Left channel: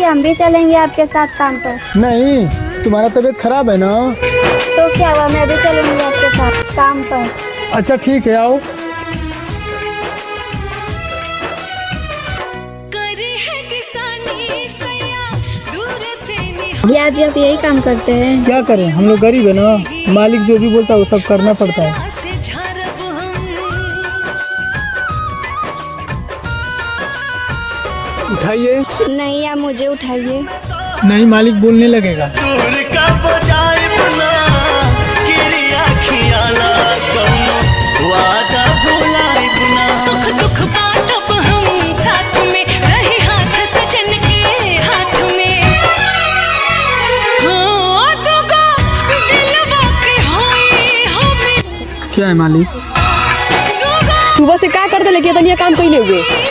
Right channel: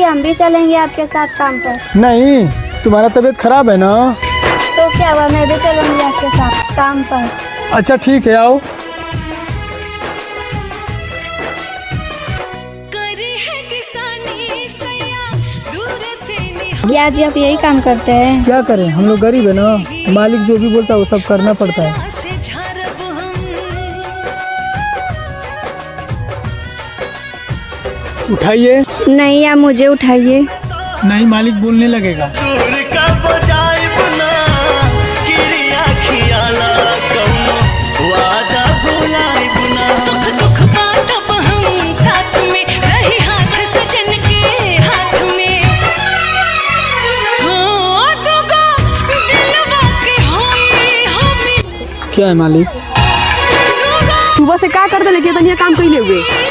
कि हम भी चलेंगे आपके साथ काम पर? नहीं, तुम्हारा तबीयत खराब है ना? तो क्या हुआ, मैं भी चलूंगी आपके साथ काम पर। अच्छा ठीक है, आओ। भैया जी आप यही काम करते हैं? क्या करें, हम लोग गरीब है ना, मालिक जो भी बोलता है वो सब करना पड़ता है। उठाइए। नहीं, आप मुझे उठाइए। नहीं, मालिक बोलने लगेगा। दूर का बजाय बना किरिया खियाला कौनो वादा भुलाए बुना। सुख दुख बांटब हम साथ में, रही हाथ सजन के हाथ में। हाँ दुगो दिलवा के होई हमें। क्या है मालिक? सुबह से क्या करते लेके तनिया काम कइले हुए।